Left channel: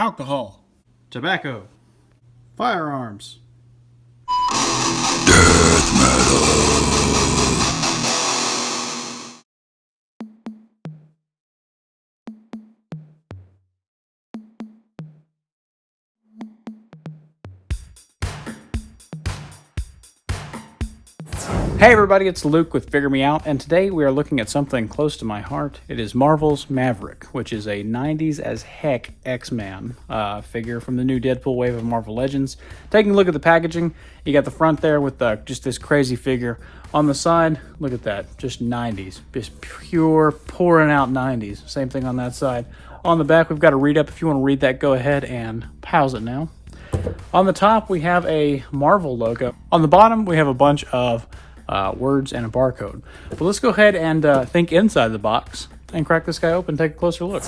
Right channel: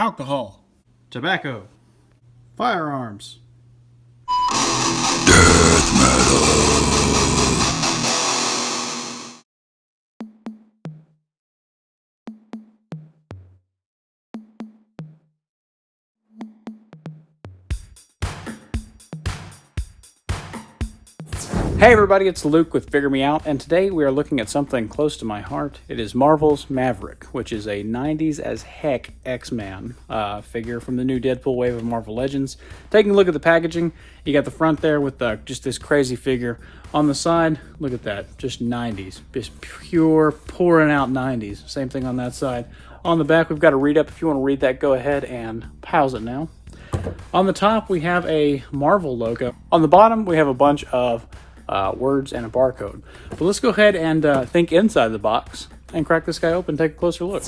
alcohol, tobacco, firearms. Hey everybody, it's Luke with Figure Me Out, and today we are looking at something close to my heart. It is Marvel's Maverick, which is a 90s as heck X-Man figure from the new Deadpool wave of Marvel Legends. Taking a look at the packaging, you got the front there with just this crazy figure. On the side, look at that, just 90s, just pure pouring out 90s. Same thing on that side. On the back, we've got a read up. If you want to read that, go ahead and pause it now. On the top, we have a Marvel logo. On the bottom, we have a bunch of words and a barcode. But let's go ahead and think inside the box and crack this guy open and take a closer look.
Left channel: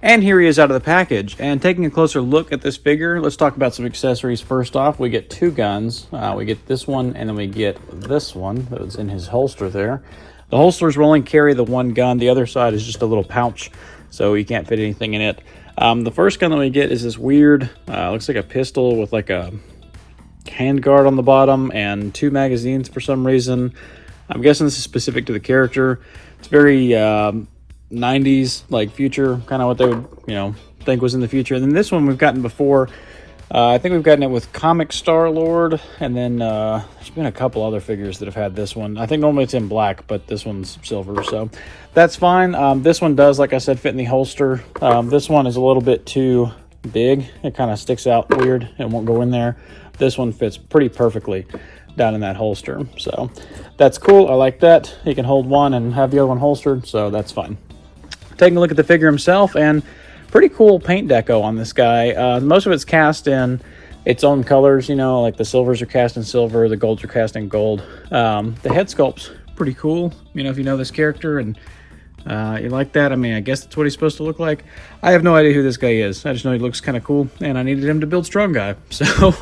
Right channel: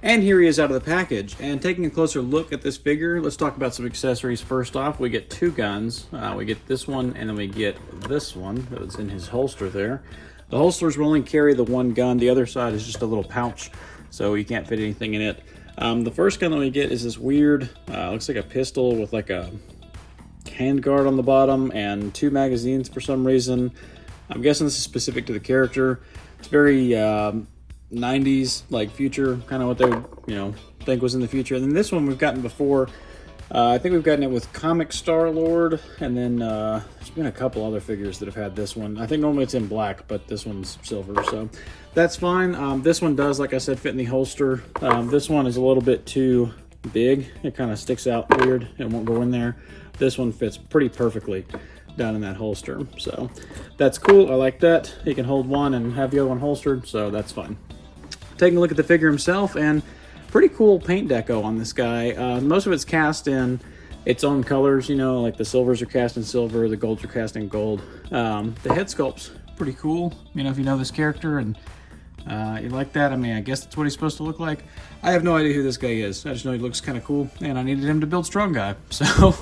And here he is out of the package. And taking a closer look at this figure, let's talk about some accessories. First off, we get two guns. We get this one, and then we get this one that's in his holster there. The holsters will only carry the one gun. The other side is just a little pouch, so you can't fit anything in it. The first gun that we get is this weird, looks like a pistol with like a handguard on the bottom and two magazines for some reason. I'm guessing this is specific to the character. It's very 90s, like future, kind of what they would, think was in the future. And then this one we've gotten before. I think we've gotten it with Comic Star-Lord, and then there's been a couple other figures that have had this one. I think normally it's in black, but this one's silver, so that's fine. This one does, like I said, fit in the holster. This one is a little bit too big. It kind of sticks out weird. It won't go in there. This one fits pretty perfectly down in that holster, so that's cool. I like that. You can hold one and have the other one holstered, so that's fine. Taking a look at the figure himself, and pretty cool paint deco on this guy. Most of it's cast in its own colors, like the silvers are cast in silver, the golds are cast in gold. The head sculpt's pretty cool, if you know this character and you like that. I mean, I guess that's what he's supposed to look like. I have no idea who this guy is. I just know he looks kind of cool, and I needed him to build Strong Guy, so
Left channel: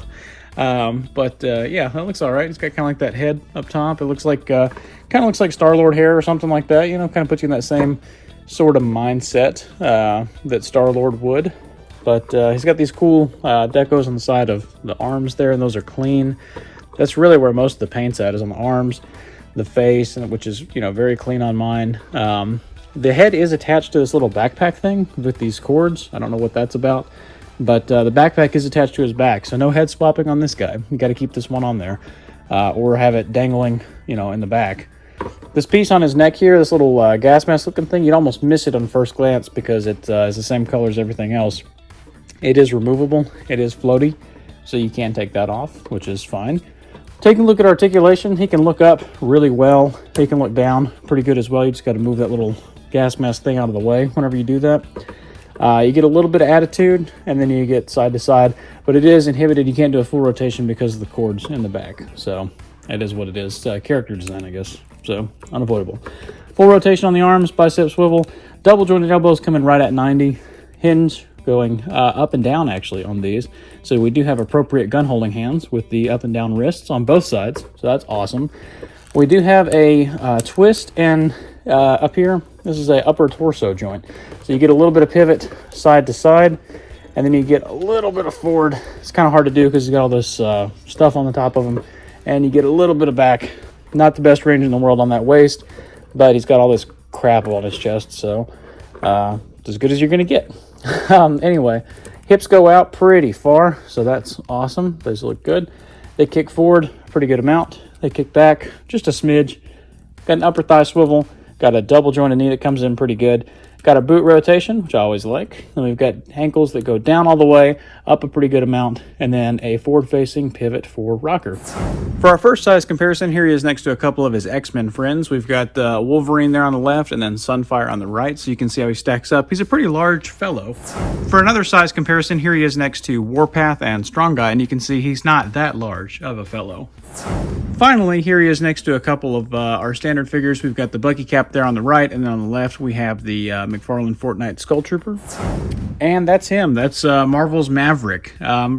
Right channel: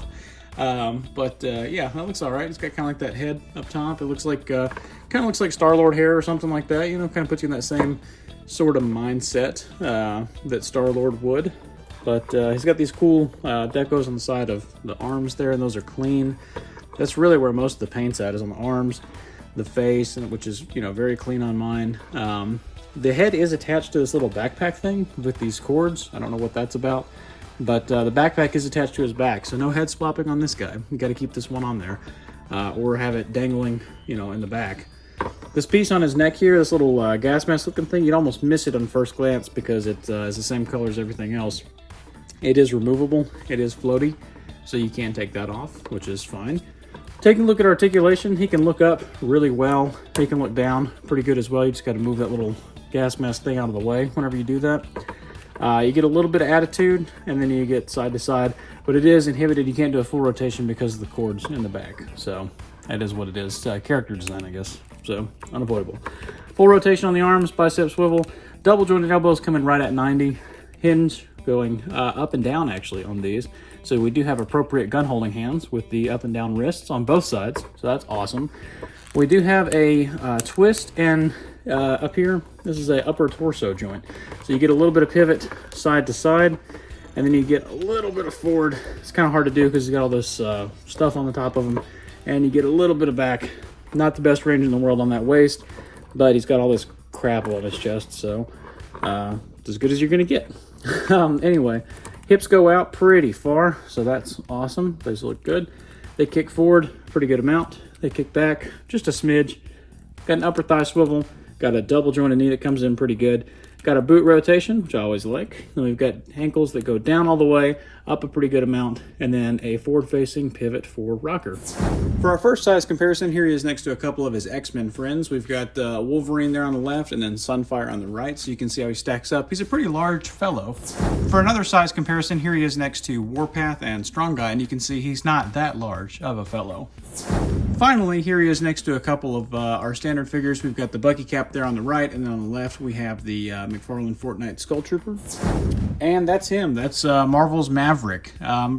yeah, that looks all right. It's got kind of like that head up top. It looks like kind of looks like Star-Lord hair or something like that. Kind of puts you in that same sort of mindset that Star-Lord would. But he's got these cool decos on the side of the arms there, and those are clean. That's really where most of the paint's at, is on the arms, the face, which is very clean on mine. The head is attached to this little backpack thing with these cords. I don't know what that's about. But the backpack is attached to his back, so no head swapping on this guy. You got to keep this one on there, or have it dangling, in the back. This piece on his neck here, this little gas mask looking thing, you'd almost miss it on first glance because it is the same color as everything else. It is removable. It is floaty, so you can take that off, which is fine. Taking a look at articulation, he can look up really well. He can look down pretty good as well. You just got to move that little gas mask thing out of the way whenever you do that. You get a little bit of attitude, and then you get side to side, but it is inhibited. You can't do a full rotation because of the cords in the back, so it is what it is. Character design, I guess, so unavoidable. Full rotation on the arms, bicep swivel, double jointed elbows coming right at 90, hinge going up and down actually on these, so we do have appropriate gun holding hands with the up and down wrists on both sides, so that's awesome. We do have a twist, and up here, this is a upper torso joint. So you get a little bit of pivot side to side, and then you get a little bit of forward. It's kind of hard to do because you got all this stuff on the top of him, and you get a little bit of back. Not the best range in the world on that waist, but he's got all this crap on his chest, so as good as you're going to get. Anyway, hips go out pretty far, so that's awesome. Those look good. They kick forward a pretty good amount. They kick back just a smidge. Got an upper thigh swivel. Got a double jointed knee that comes in pretty good. Got a boot rotation, which I always like. And we've got ankles that go down all the way, up a pretty good amount, and then a forward-facing pivot for rocker. For our first size comparison, here he is next to a couple of his X-Men friends. We've got Wolverine there on the left and then Sunfire on the right, so you can see how he stacks up. He's a pretty large fellow. For another size comparison, here he is next to Warpath and Strong Guy, and you can see he's not that large of a fellow. Finally, here he is next to a couple of our standard figures. We've got the Bucky Cap there on the right, and then on the left we have the McFarlane Fortnite Skull Trooper. And that's him. That's Marvel's Maverick.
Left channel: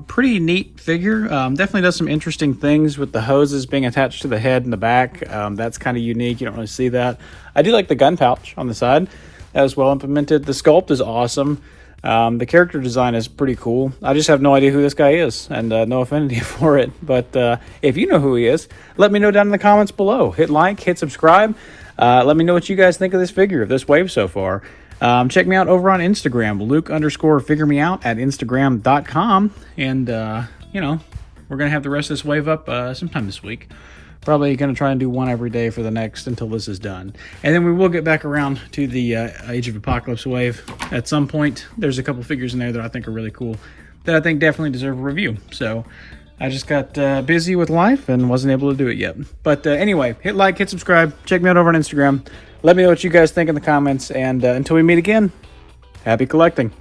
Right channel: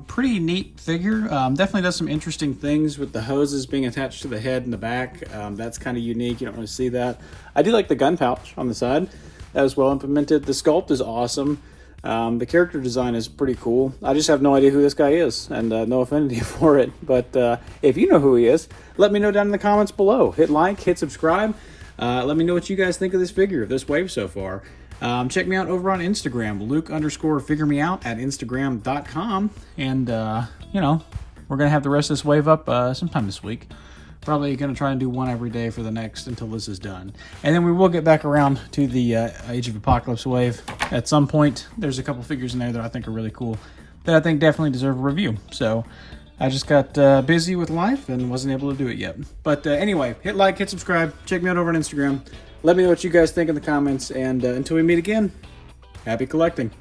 Pretty neat figure. Definitely does some interesting things with the hoses being attached to the head and the back. That's kind of unique. You don't really see that. I do like the gun pouch on the side. That was well implemented. The sculpt is awesome. The character design is pretty cool. I just have no idea who this guy is, and no affinity for it. But if you know who he is, let me know down in the comments below. Hit like, hit subscribe. Let me know what you guys think of this figure, of this wave so far. Check me out over on Instagram, Luke_figuremeout at Instagram.com. And, you know, we're going to have the rest of this wave up sometime this week. Probably going to try and do one every day for the next until this is done. And then we will get back around to the Age of Apocalypse wave at some point. There's a couple figures in there that I think are really cool that I think definitely deserve a review. So I just got busy with life and wasn't able to do it yet. But anyway, hit like, hit subscribe, check me out over on Instagram. Let me know what you guys think in the comments. And until we meet again, happy collecting.